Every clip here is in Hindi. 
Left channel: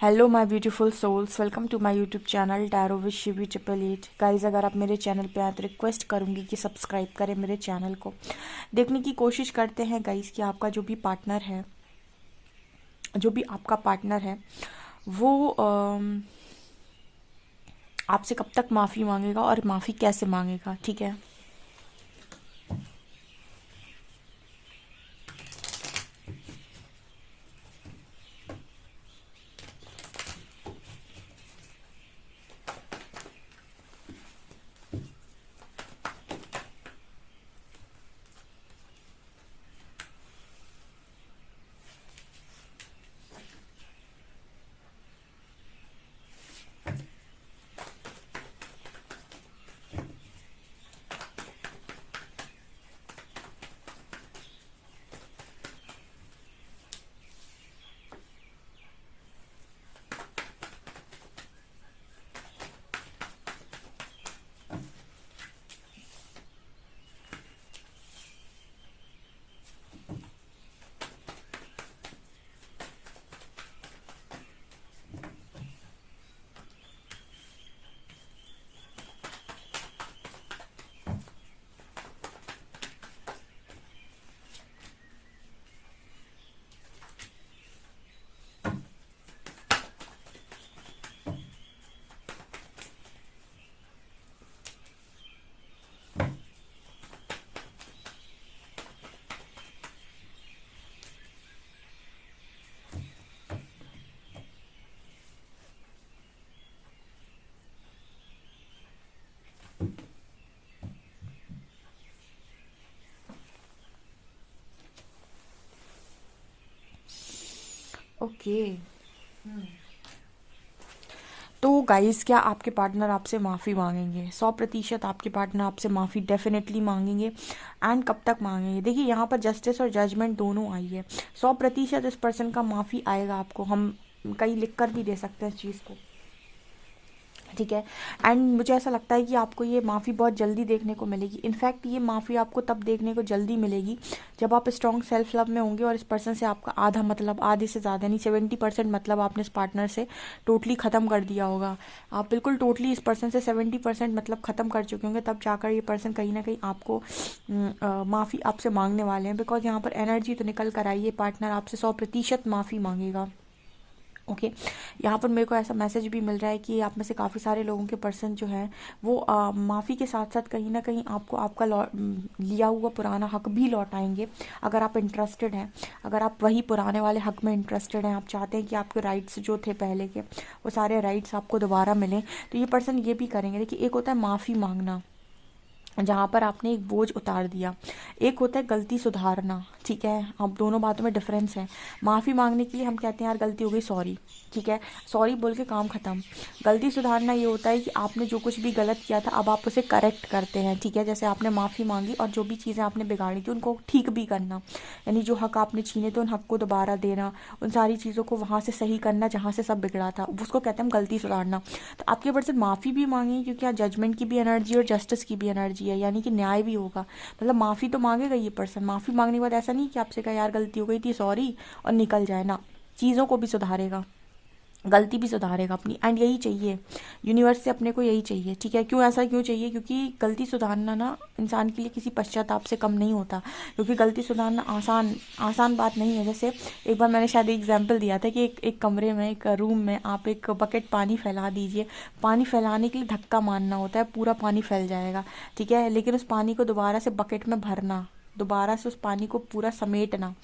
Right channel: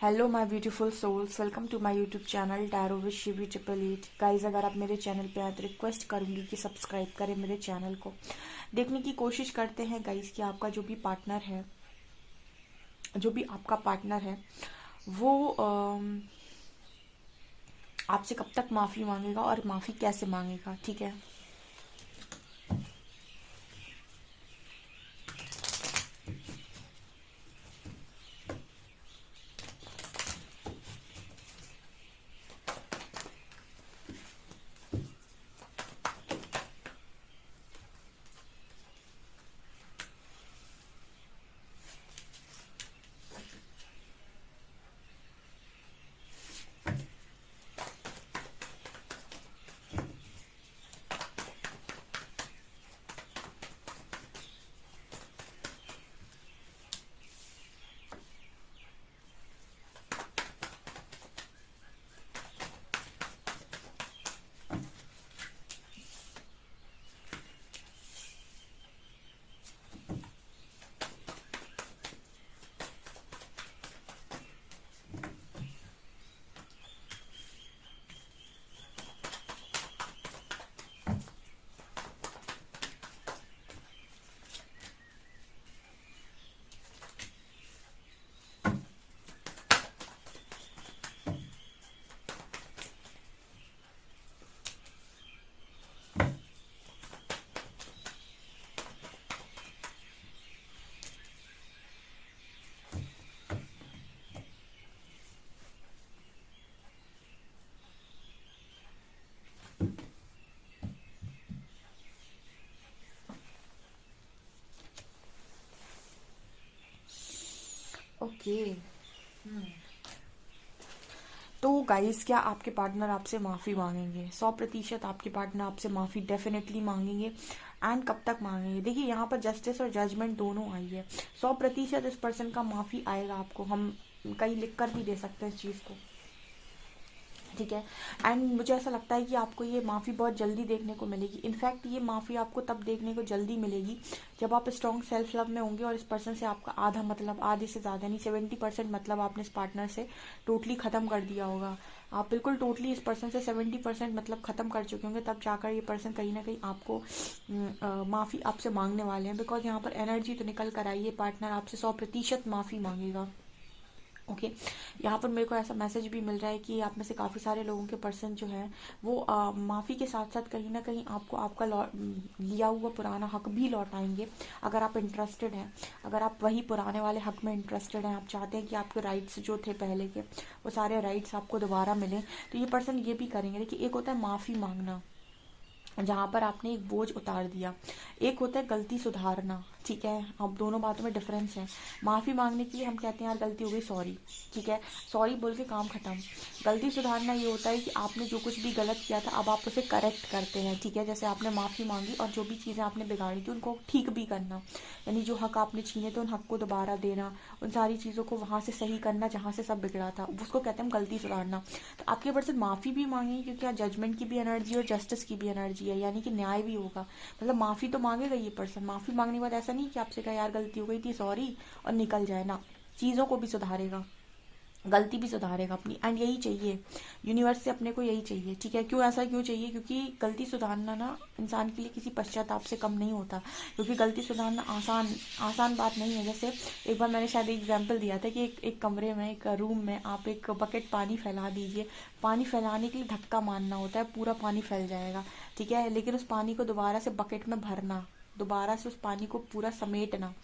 Hello my beautiful souls, welcome to my YouTube channel tarot with Shivi 888। Guys, अगर आप मेरे चैनल पे आए तो रिक्वेस्ट करूंगी कि सब्सक्राइब करें मेरे चैनल को। देखने की कोशिश करते हैं गाइज कि आपका जो भी आपका पार्टनर है वो आपसे कब तक माफ़ी मांगेगा और माफ़ी कैसे मांगेगा। ठीक है, ओके। तो गाइस, क्या आपके पार्टनर आपसे माफ़ी मांगेंगे? 100% आपके पार्टनर आपसे माफ़ी डेफिनेटली मांगेंगे। एंड कब तक मांगेंगे? देखिए, यहाँ पर जस्टिस और जजमेंट दोनों आई है। 100% इस पर्सन का माफ़ी आएगा आपको। हम कहीं लिख कर भी दे सकते हैं इस चीज़ को। ठीक है। एंड मुझे ऐसा लगता है कि आपको ये माफ़ी बहुत जल्दी देखने को मिलेगी। इनफैक्ट ये माफ़ी आपको तब देखने को जल्दी मिलेगी जब आप स्ट्रॉन्ग सेल्फ लव में होंगे और इस पर्सन से आपका आधा मतलब, आधे से ज़्यादा यानी 70% मतलब आपने इस पार्टनर से टोटली ख़त्म कर दिया होगा। आप बिल्कुल टोटली इस पर्सन से 70% मतलब ख़त्म कर चुके होंगे, तब जाकर ये पर्सन कहीं ना कहीं आपको माफ़ी आपसे मांगने वाले हैं। बिकॉज यहाँ पर एनर्जी तो निकल कर आई है, पार्टनर आपसे 100% माफ़ी मांगेगा। ओके। यहाँ पर मेरे को ऐसा मैसेज भी मिल रहा है कि आप में से काफ़ी सारे लोगों के पर्सन जो है वो माफ़ी के साथ साथ कहीं ना कहीं आपको आपका लिया हुआ पुराना हक भी लौटाएंगे, अगर आप इंटरेस्टेड हैं। अगर आप वही पुराने वाले हक में इंटरेस्टेड हैं, आप चाहते हैं कि आपके राइट्स जो थे पहले के वो सारे राइट्स आपको दोबारा मिलें, तो ये पर्सन ये भी करेंगे। देखिए, एक होता है माफ़ी मांगना, जहाँ पर आपने एक बोझ उतार दिया। एक होता है गलती सुधारना। ठीक है, अब दोनों बातों में डिफरेंस है। माफ़ी मांगने के लिए हम कहते हैं यार गलती हो गई, सॉरी। ठीक है, सॉरी बोल के काम खत्म। गलती सुधारना ये होता है कि आपने जो कुछ भी गलत किया था अब आप उसे करेक्ट करते हैं। ठीक है, जैसे आपने माफ़ी मांगी और जो भी चीज़ें आपने बिगाड़ी थी उनको ठीक भी करना, यानी जो हक आपने छीने थे उन हक को दोबारा देना, उन सारी चीज़ों को वहाँ से सही करना जहाँ से सब बिगड़ा था, उसको कहते हैं हम गलती सुधारना। तो आपके पर्सन माफ़ी भी मांगेंगे क्योंकि यहाँ जजमेंट की भी एनर्जी और जस्टिस की भी एनर्जी है, यानी कि न्याय भी होगा। मतलब माफ़ी तो मांगेगा ये पर्सन। माफ़ी मांगने के बाद ऐसा नहीं कि आपसे कहा यार गलती हो गई थी, सॉरी, और निकल जाए ना। चीज़ों को भी सुधारेगा, गलती भी सुधारेगा अपनी। एंड यही चाहिए यूनिवर्स से, अपने को यही चाहिए। ठीक है, क्यों ऐसा क्यों चाहिए? क्योंकि गलती सुधारना ना इंसान के लिए किसी पश्चाताप से कम नहीं होता। क्योंकि गलती सुधारना आसान आसान बात नहीं है। जैसे एक बार मैंने शायद एग्जाम्पल दिया था कि एक कमरे में, एक रूम में आप एक बकेट पानी फैला दीजिए। पानी फैलाने के लिए धक्का मारना होता है, पूरा पानी फैल जाएगा। ठीक है, लेकिन उस पानी को दोबारा से बकेट में भरना, दोबारा से उस पानी को पूरा समेटना,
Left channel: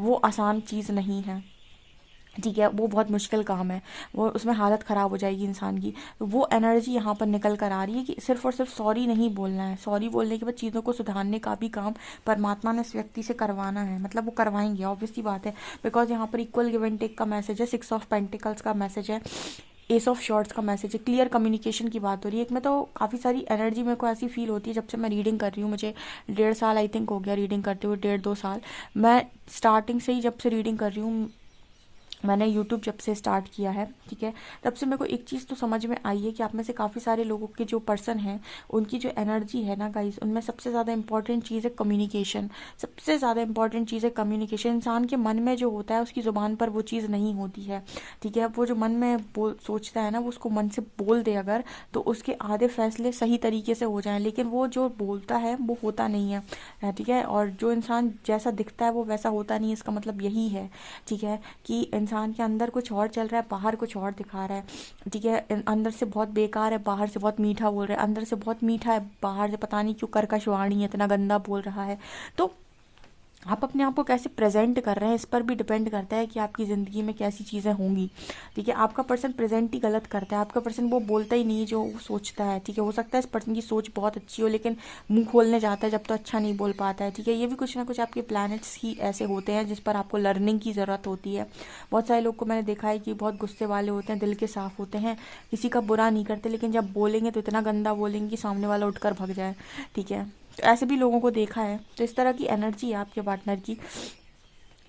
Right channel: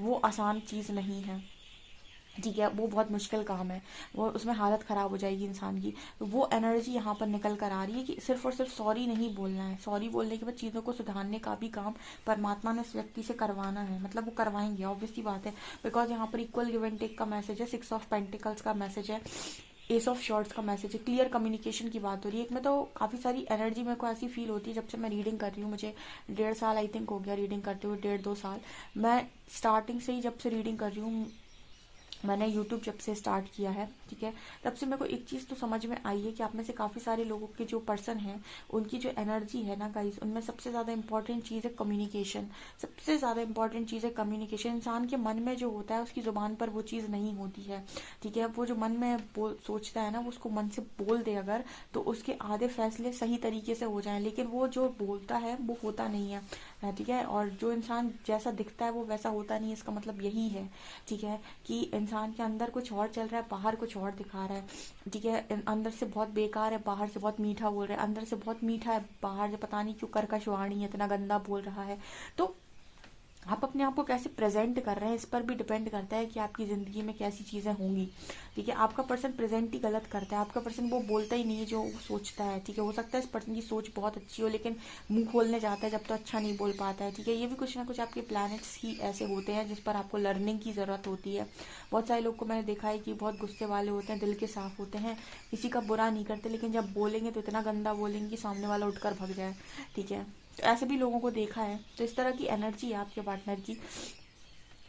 वो आसान चीज़ नहीं है। ठीक है, वो बहुत मुश्किल काम है, वो उसमें हालत ख़राब हो जाएगी इंसान की। तो वो एनर्जी यहाँ पर निकल कर आ रही है कि सिर्फ और सिर्फ सॉरी नहीं बोलना है। सॉरी बोलने के बाद चीज़ों को सुधारने का भी काम परमात्मा ने इस व्यक्ति से करवाना है। मतलब वो करवाएंगे, ऑब्वियस सी बात है। बिकॉज यहाँ पर इक्वल गिव एंड टेक का मैसेज है, 6 ऑफ पेंटिकल्स का मैसेज है, एस ऑफ शॉर्ट्स का मैसेज है, क्लियर कम्युनिकेशन की बात हो रही है। एक में तो काफ़ी सारी एनर्जी मेरे को ऐसी फील होती है जब से मैं रीडिंग कर रही हूँ। मुझे 1.5 साल आई थिंक हो गया रीडिंग करते हुए, 1.5-2 साल। मैं स्टार्टिंग से ही जब से रीडिंग कर रही हूँ मैंने यूट्यूब जब से स्टार्ट किया है, ठीक है, तब से मेरे को एक चीज़ तो समझ में आई है कि आप में से काफ़ी सारे लोगों के जो पर्सन हैं उनकी जो एनर्जी है ना गाइस, उनमें सबसे ज़्यादा इंपॉर्टेंट चीज़ है कम्युनिकेशन। सबसे ज़्यादा इंपॉर्टेंट चीज़ है कम्युनिकेशन। इंसान के मन में जो होता है उसकी ज़ुबान पर वो चीज़ नहीं होती है, ठीक है। वो जो मन में सोचता है ना, वो उसको मन से बोल दे अगर, तो उसके आधे फैसले सही तरीके से हो जाएं, लेकिन वो जो बोलता है वो होता नहीं है, ठीक है। और जो इंसान जैसा दिखता है वो वैसा होता नहीं है, इसका मतलब यही है, ठीक है, कि इंसान के अंदर कुछ और चल रहा है, बाहर कुछ और दिखा रहा है, ठीक है। अंदर से बहुत बेकार है, बाहर से बहुत मीठा बोल रहा है, अंदर से बहुत मीठा है, बाहर से पता नहीं क्यों कर्कश वाणी है, इतना गंदा बोल रहा है। तो आप अपने आप को कैसे प्रेजेंट कर रहे हैं इस पर भी डिपेंड करता है कि आपकी ज़िंदगी में कैसी चीज़ें होंगी, ठीक है। आपका पर्सन प्रेजेंट ही गलत करता है, आपका पर्सन वो बोलता ही नहीं जो वो सोचता है, ठीक है। हो सकता है इस पर्सन की सोच बहुत अच्छी हो, लेकिन मुंह खोलने जाता है जब तो अच्छा नहीं बोल पाता है, ठीक है। ये भी कुछ ना कुछ आपके प्लैनेट्स ही ऐसे होते हैं जिस पर आपको लर्निंग की ज़रूरत होती है। बहुत सारे लोग को मैंने देखा है कि बहुत गुस्से वाले होते हैं, दिल के साफ होते हैं, किसी का बुरा नहीं करते, लेकिन जब बोलेंगे तो इतना गंदा बोलेंगे कि सामने वाला उठकर भग जाए, ठीक है। तो ऐसे भी लोगों को देखा है। तो इस तरह की एनर्जी है आपके पार्टनर की।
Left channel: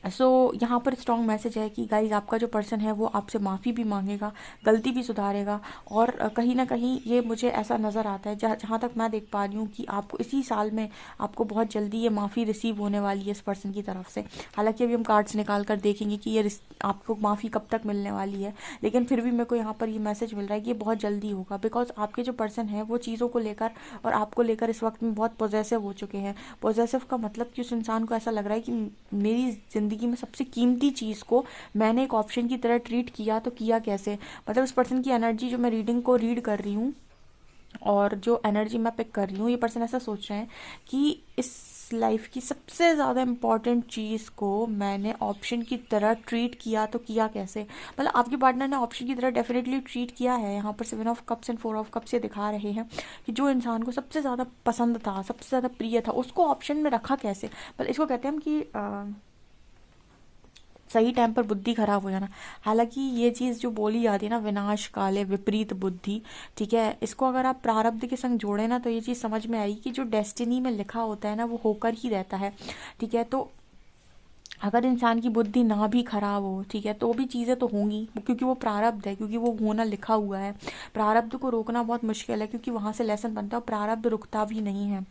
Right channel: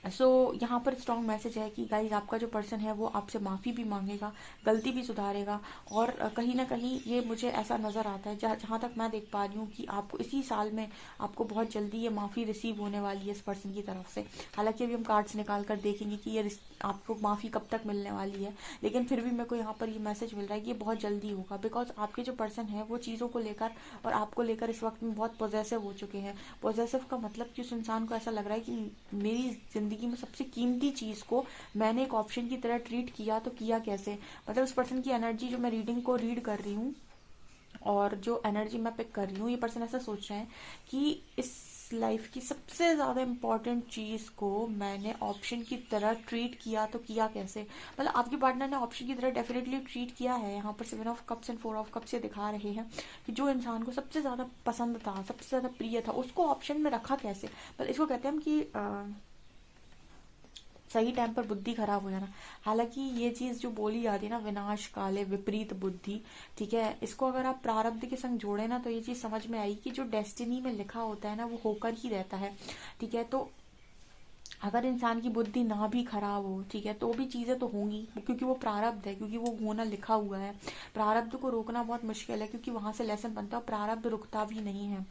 सो यहाँ पर स्ट्रॉन्ग मैसेज है कि गाइज आपका जो पर्सन है वो आपसे माफ़ी भी मांगेगा, गलती भी सुधारेगा। और कहीं ना कहीं ये मुझे ऐसा नज़र आता है, जहाँ तक मैं देख पा रही हूँ, कि आपको इसी साल में आपको बहुत जल्दी ये माफ़ी रिसीव होने वाली है इस पर्सन की तरफ से। हालांकि अभी हम कार्ड्स निकाल कर देखेंगे कि ये आपको माफ़ी कब तक मिलने वाली है, लेकिन फिर भी मेरे को यहाँ पर ये मैसेज मिल रहा है कि ये बहुत जल्दी होगा। बिकॉज आपके जो पर्सन है वो चीज़ों को लेकर और आपको लेकर इस वक्त में बहुत पॉजेसिव हो चुके हैं। पॉजेसिव का मतलब कि उस इंसान को ऐसा लग रहा है कि मेरी ज़िंदगी में सबसे कीमती चीज़ को मैंने एक ऑप्शन की तरह ट्रीट किया, तो किया कैसे। मतलब इस पर्सन की एनर्जी जो मैं रीडिंग को रीड कर रही हूँ और जो एनर्जी मैं पिक कर रही हूँ, ये पर्सन ऐसा सोच रहे हैं कि इस लाइफ की सबसे ज़्यादा इम्पॉर्टेंट चीज़ को मैंने ऑप्शन की तरह ट्रीट किया, तो किया कैसे। मतलब आपके पार्टनर ने ऑप्शन की तरह डेफिनेटली ट्रीट किया है। यहाँ पर 7 of cups and 4 of cups ये दिखा रहे हैं कि जो इंसान को सबसे ज़्यादा पसंद था, सबसे ज़्यादा प्रिय था, उसको ऑप्शन में रखा कैसे। मतलब इसको कहते हैं कि सही टाइम पर बुद्धि खराब हो जाना। हालांकि ये चीज़ जो बोली जाती है ना, विनाश काले विपरीत बुद्धि, ठीक है, इसको अगर आप प्रारब्ध के संग जोड़े ना, तो ये चीज़ समझ में आई कि जो डेस्टिनी में लिखा होता है ना वो होकर ही रहता है, ठीक है। तो अगर इंसान की बुद्धि ना भी खराब हो, ठीक है, तो भी चीज़ें तो होंगी, क्योंकि वो प्रारब्ध है, क्योंकि वो होना लिखा हुआ है। प्रारब्ध को रोकना बहुत मुश्किल है, क्योंकि वहां से लेसन बनता है। प्रारब्ध रुकता भी नहीं है।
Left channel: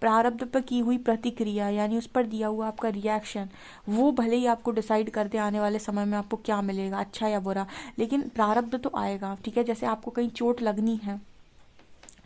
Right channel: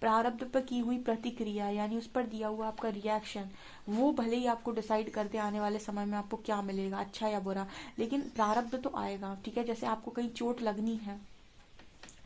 प्रारब्ध पर की हुई प्रतिक्रिया, यानी उस पर दिया हुआ आपका रिएक्शन, वो भले ही आपको डिसाइड कर दे आने वाले समय में आपको क्या मिलेगा, अच्छा या बुरा, लेकिन प्रारब्ध तो आएगा, ठीक है। जैसे आपको कहीं चोट लगनी है,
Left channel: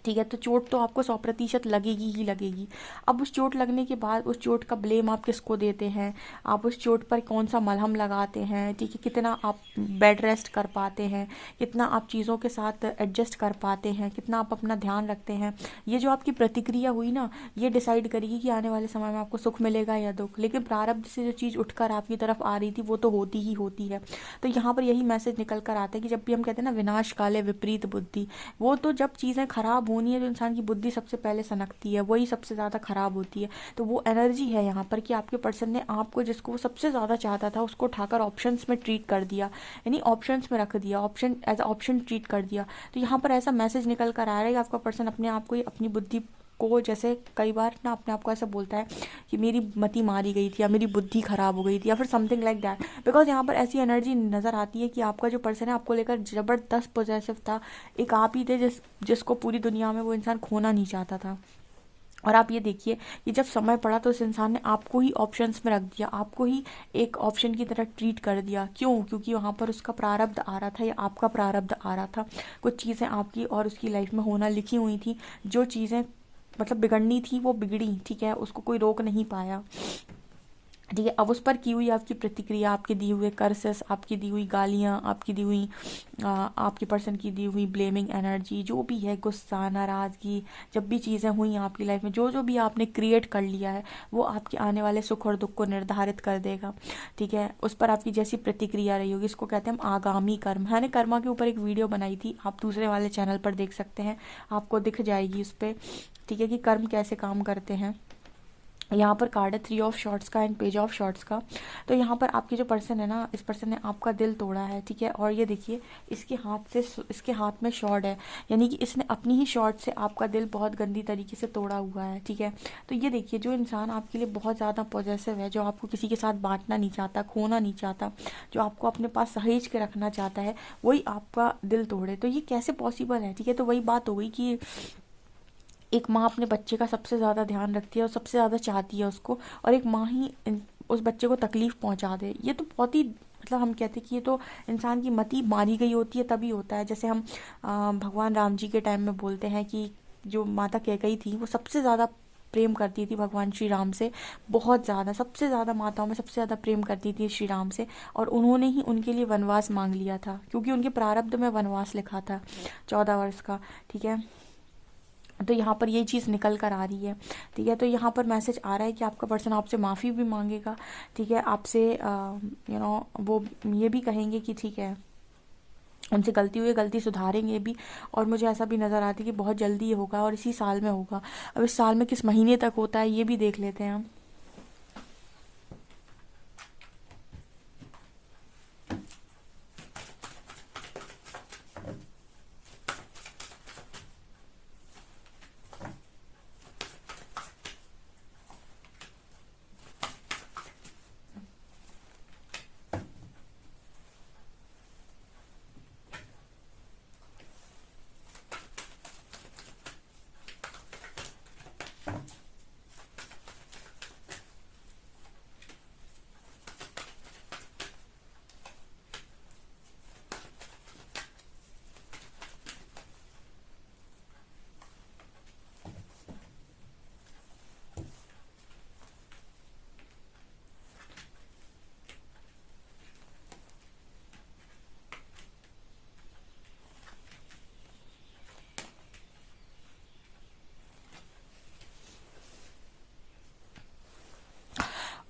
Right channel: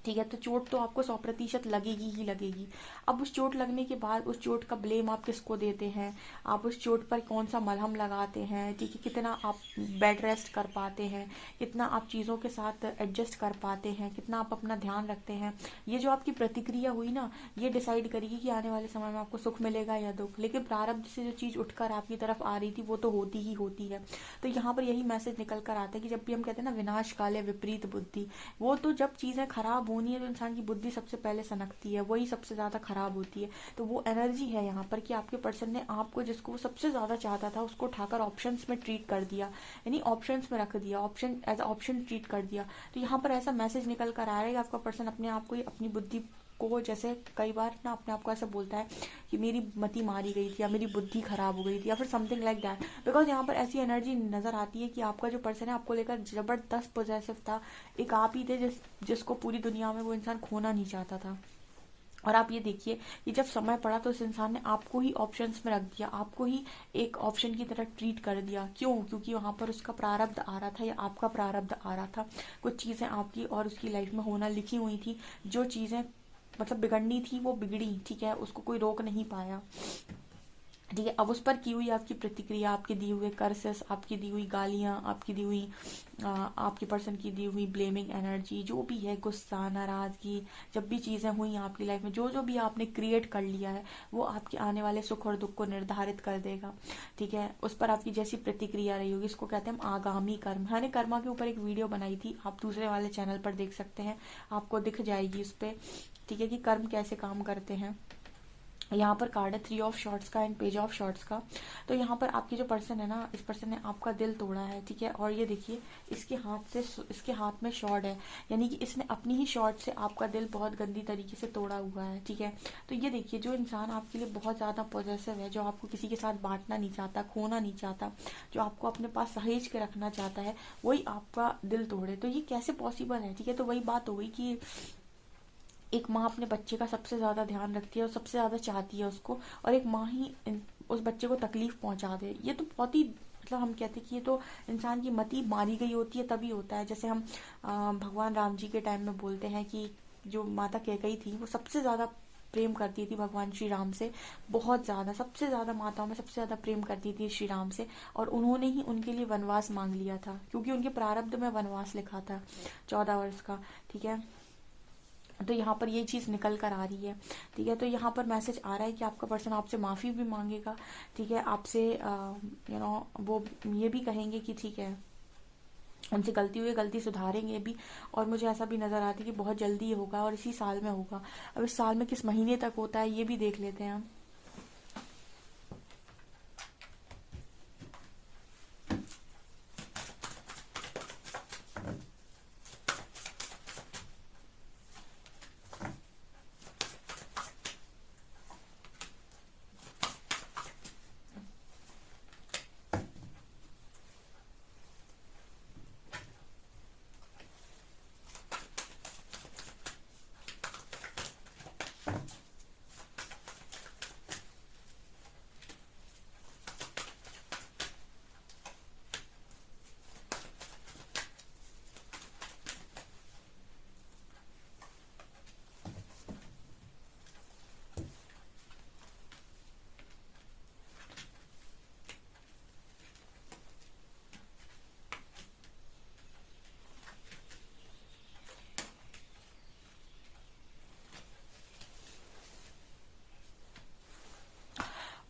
ठीक है, तो चोट तो आपको 100% लगेगी ही लगेगी। अब उस चोट लगने के बाद उस चोट का ब्लेम आप किसको देते हैं, आप उस चोट पर कौन सा मलहम लगाते हैं, ठीक है, कितना आप बेड रेस्ट कर पाते हैं, कितना आप चीज़ों के साथ एडजस्ट कर पाते हैं, कितना आप अपना ध्यान रखते हैं, ये जो आपकी प्रतिक्रिया हुई ना, ये डिसाइड करेगी कि आने वाले समय में आपको सुख मिलेगा या दुख। लेकिन प्रारब्ध से जो चीज़ उठकर आपकी तरफ आ रही थी वो तो होती ही होती है। तो यहाँ पर यही मैसेज निकल कर आता है कि जब भी हम कहते हैं ना विनाश काले विपरीत बुद्धि, वो तो जब चीज़ें खराब होनी है, जो इंसान की बुद्धि सबसे पहले सनकती है, वही सबसे ज़्यादा खराब होती है। तो वो एनर्जी है यहाँ पर कि आपके पर्सन ने आपको, जिसको वो सबसे ज़्यादा चाहता था, उसको उठाकर ऑप्शंस में ट्रीट कर दिया, यानी ऑप्शंस में रख दिया, ऑप्शन एज ऑप्शन ट्रीट कर दिया। तो यहाँ पर ऐसा मैसेज निकल कर आ रहा है कि आपका पर्सन अपने आप को, अपनी बुद्धि को, जैसे कई बार ना अपने आप को ऐसा बोलता है कि मेरी मति मारी गई थी, या मेरी बुद्धि खराब हो गई थी, या फिर समथिंग लाइक दैट। बिकॉज यहाँ पर ऐसी एनर्जी नज़र आती है कि आपका जो पर्सन है आपको लेकर ज़बरदस्त पॉजिटिव था। एक आप ही थे जिसको पूरी दुनिया में वो इंसान खोना नहीं चाहता था। और आप ये देखिए कि जब समय पड़ा तो उस इंसान ने आपको ही ऑप्शंस में रख दिया, आपको ही एक ऑप्शन की तरह ट्रीट कर दिया। क्यों? क्योंकि वहाँ पर उसका प्रारब्ध आ रहा था, या आपका प्रारब्ध आ रहा था। कुछ चीज़ें आपकी और उसकी लाइफ में होना लिखी हुई थी, जो चीज़ें मतलब बिगड़नी थी वो बिगड़ी, ठीक है, उसको कोई रोक नहीं पाया, ठीक है। अब उस पर की हुई आपकी प्रतिक्रिया, आपके दिए हुए कर्सेस, आपकी दी हुई गालियाँ, आपकी दी हुई आपके पर्सन की दी हुई ब्लेमिंग एनर्जी, जो भी है, गुस्सा, नाराज़गी, जब भी चीज़ें हुई आपकी लाइफ में, जो जो भी आपने क्रिएट कर लिया है, वो आपके आने वाले सुख और दुख को निर्धारित कर देगा, ठीक है। उस पर आपकी जैसी प्रतिक्रिया रही होगी, इसको कहते हैं हम आगामी कर्म। मैंने कर्मा के ऊपर एक वीडियो बनाई थी, आप दूसरे वाले चैनल पर देख सकते हैं, आपको दिख जाएगी उस पर, ठीक है, कि कर्म कैसे काम करते हैं। यहाँ पर कार्ड है 3 ऑफ शॉर्ट्स का एंड पेज ऑफ शॉर्ट्स का। तो यहाँ पर आपकी जो पर्सन है ना, इस पर्सन ने आपका दिल तोड़ा है, ठीक है। और ये देखिए इसके हाथ में शॉर्ट है, यानी कि इसने अपनी ही शॉर्ट से आपका दिल बहुत गंदी तरीके से तोड़ा हुआ है, ठीक है। तो ये देखिए, जो इंसान आपके लिए बहुत ज़्यादा पॉजेसिव है, जो आपको किसी के साथ बांटना नहीं चाहता, खोना नहीं चाहता, जो आपको अपने पास सहेज के रखना चाहता है, वही आपका दिल तोड़े। तो ये कैसे पॉसिबल है, ठीक है। तो वही बात हो गई कि एक माँ अपने बच्चे का सबसे ज़्यादा ध्यान रखती है और सबसे ज़्यादा चाहती है उसको, और एक माँ ही उस बच्चे को तकलीफ पहुंचा दे। ये तो बहुत ही, मतलब हम कहते हैं कि ये तो इंसान की मति मारी गई होती है तभी होता है। जैसे हम भगवान राम जी के टाइम में बोलते हैं कि जो माता कैकेयी थी वो सबसे ज़्यादा प्रेम करती थी भगवान श्री राम से, बहुत ज़्यादा, सबसे ज़्यादा माताओं में सबसे ज़्यादा प्रेम करती थी श्री राम से। और उन्होंने ही उनके लिए वनवास मांग लिया था, क्योंकि उनके प्रारब्ध में वनवास लिखा था 14 वर्ष का, ठीक है। तो यहाँ पर ये चीज़ निकल कर आ रही है, ठीक है। तो यहाँ पर मैसेज आ रहा है कि आपका पर्सन आपसे माफ़ी भी मांगेगा, ठीक है। आपसे वो ये भी कहेंगे कि ठीक है, उनसे गलती हुई, गलती सुधारेंगे भी। और मुझे ऐसा भी नज़र आता है कि बहुत जल्दी ये होगा और इसी साल में होगा। अब इस साल में किस महीने तक होता है ये भी देख लेते हैं हम।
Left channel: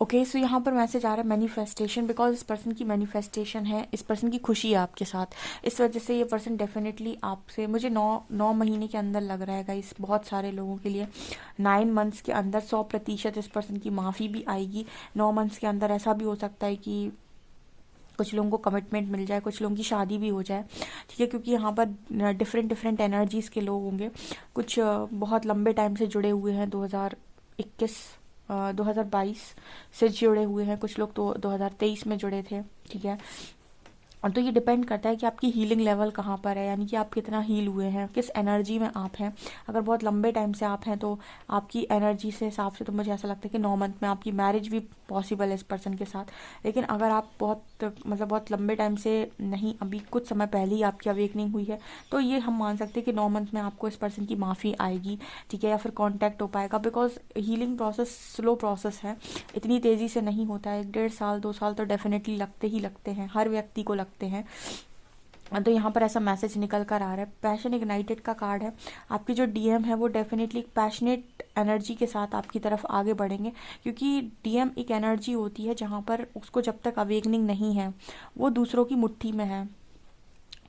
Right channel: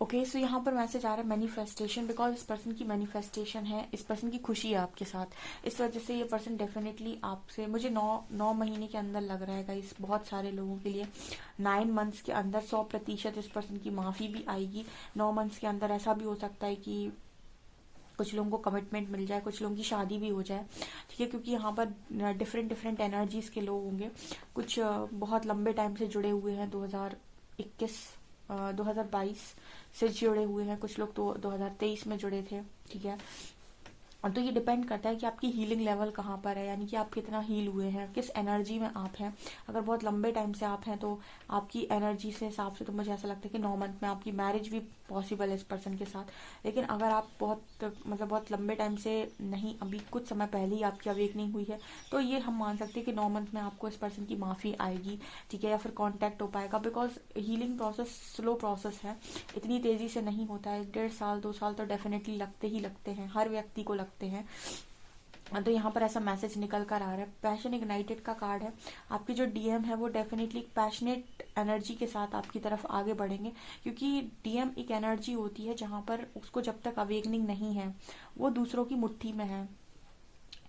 ओके, सो यहाँ पर मैसेज आ रहा है मैनिफेस्टेशन, बिकॉज इस पर्सन की मैनिफेस्टेशन है, इस पर्सन की खुशी है आपके साथ। इस वजह से ये पर्सन डेफिनेटली आपसे, मुझे 9 महीने के अंदर लग रहा है गाइस, बहुत सारे लोगों के लिए 9 मंथ्स के अंदर 100% इस पर्सन की माफ़ी भी आएगी। 9 मंथ्स के अंदर ऐसा भी हो सकता है कि कुछ लोगों को कमिटमेंट मिल जाए, कुछ लोगों की शादी भी हो जाए, ठीक है। क्योंकि यहाँ पर डिफरेंट डिफरेंट एनर्जीज़ के लोग होंगे। कुछ बहुत लंबे टाइम से जुड़े हुए हैं, 2021 2022 से जुड़े हुए हैं, कुछ लोग तो 2023 में जुड़े थे, ठीक है। और तो ये डिपेंड करता है कि आपकी हीलिंग लेवल कहाँ पर है, यानी कि आप कितना हील हुए हैं, किस एनर्जी में आप हैं। अगर बहुत लंबे टाइम से आप हैं तो आपकी एनर्जी से हिसाब से तो मुझे ऐसा लगता है कि 9 मंथ में आपकी मैरिज भी पॉसिबल है इस पर्सन के साथ। लेकिन अगर आप बहुत लंबे टाइम से नहीं, अभी कुछ समय पहले ही आपकी अवेकनिंग हुई है, तो ये हम मान सकते हैं कि 9 मंथ में आपको इस पर्सन की माफ़ी आएगी, ठीक है, या फिर कॉन्टैक्ट हो पाएगा। Because healing process slow process है, इतनी तेज़ी से नहीं होता है। 1.5 साल 2 साल तो डेफिनेटली लगते ही लगते हैं, हर व्यक्ति को लगते हैं। तो यहाँ पर ऐसा मैसेज निकल कर आ रहा है। पैशन इग्नाइटेड का कार्ड है। आपकी जो डीएम है वो डेफिनेटली पैशनेट एनर्जी के साथ आपकी तरफ आगे बढ़ेंगे, क्योंकि डीएम एक एनर्जी होती है जहाँ पर उसको जब तक अवेकनिंग नहीं है वो दूसरों की मुट्ठी में है,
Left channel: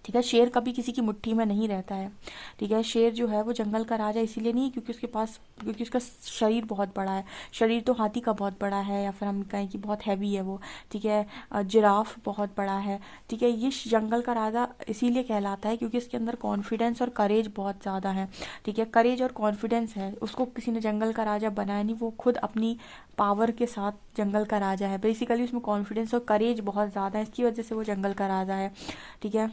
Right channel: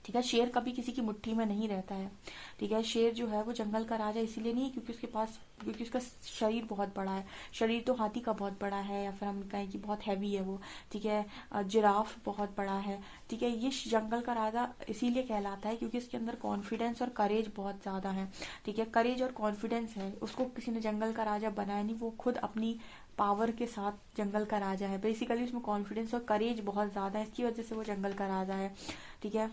ठीक है। शेर कभी किसी की मुट्ठी में नहीं रहता है, ठीक है। शेर जो है वो जंगल का राजा इसीलिए नहीं, क्योंकि उसका शरीर बहुत बड़ा है। शरीर तो हाथी का बहुत बड़ा है, या फिर हम कहें कि बहुत हैवी है वो, ठीक है। जिराफ बहुत बड़ा है, ठीक है। ये जंगल का राजा इसीलिए कहलाता है क्योंकि इसके अंदर कॉन्फिडेंस और करेज बहुत ज़्यादा है, ठीक है। करेज और कॉन्फिडेंस है, उसको किसी ने जंगल का राजा बनाया नहीं, वो खुद अपनी पावर के साथ जंगल का राजा है। बेसिकली उसमें कॉन्फिडेंस और करेज बहुत ज़्यादा है, इसकी वजह से वो जंगल का राजा है, ठीक है।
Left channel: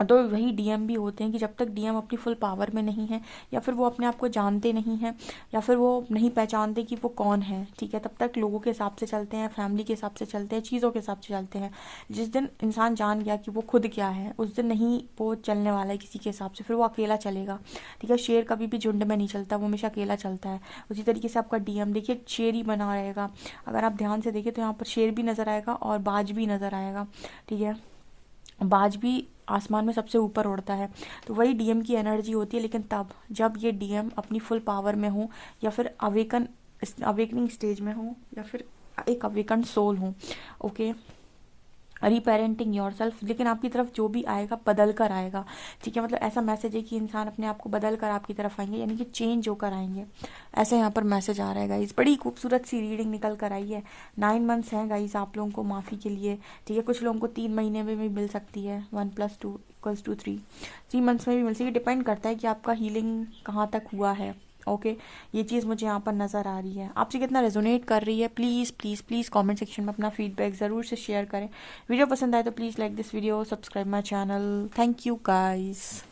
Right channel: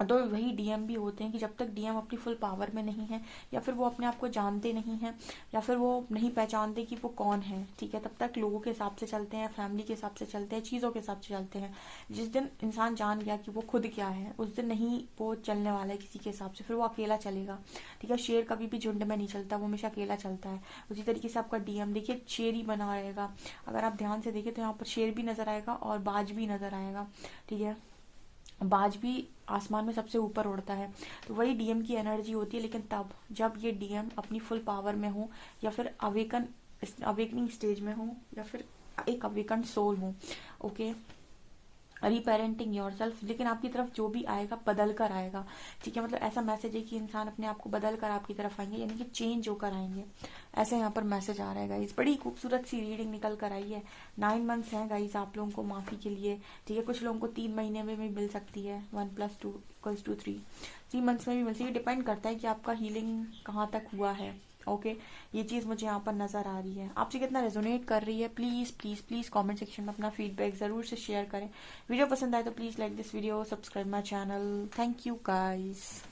तो वही डीएम भी होते हैं कि जब तक डीएम अपनी फुल पावर में नहीं है, या फिर वो अपने आप को जानते नहीं हैं, या फिर वो नहीं पहचानते कि वो कौन है, ठीक है, तब तक लोगों के हिसाब से चलते हैं, फैमिली के हिसाब से चलते हैं, चीज़ों के हिसाब से चलते हैं। जिस दिन इंसान जान गया कि वो खुद क्या है, उस दिन नहीं वो चलने वाला है किसी के हिसाब से, फिर वो अकेला चलेगा, ठीक है। शेर कभी भी झुंड में नहीं चलता, वो हमेशा अकेला चलता है। उसी तरीके से आपका डीएम देखिए शेर ही बना रहेगा। अगर आप ध्यान से देखिए तो यहाँ पर शेर भी नज़र आएगा और बाज भी नज़र आएगा, ठीक है। बाज भी आसमान में सबसे ऊपर उड़ता है। तो वही डीएम की एनर्जी होती है, लेकिन तब जब ये डीएम अपनी फुल पावर में हो, या फिर अवेकनिंग स्टेज में हो, या फिर एक अवेकन सोल हो, ओके। रीपेरेंटिंग योरसेल्फ, लेकिन आपकी तरफ जो भी आएगा बदल कर आएगा, ठीक है। मतलब ऐसा मैसेज है कि इंसान अपने आप को बदल कर आपकी तरफ आएंगे, यानी कि चेंज होकर आएंगे, ऐसे यहाँ पर मैसेज आ रहा है गाइस। बड़ी खूबसूरत सी रीडिंग निकल कर आई है। 9 मंथ्स हैं गाइस आप लोगों को माफ़ी के लिए, ठीक है। कुछ लोगों को 3 महीने में भी मिल सकती है, 1 + 2 = 3, 3 मंथ्स में भी मिल सकती है, डिपेंड करता है कि आपका हीलिंग कहाँ तक हुआ है। ओके ये चीज़ मुझे यहाँ पर नज़र आ रही है। आपसे कितना रेजोनेट कर रही है, please please please comment section में अपना फीडबैक ज़रूर से शेयर करें। वीडियो पसंद आए तो please like this video, subscribe my channel. Thank you guys.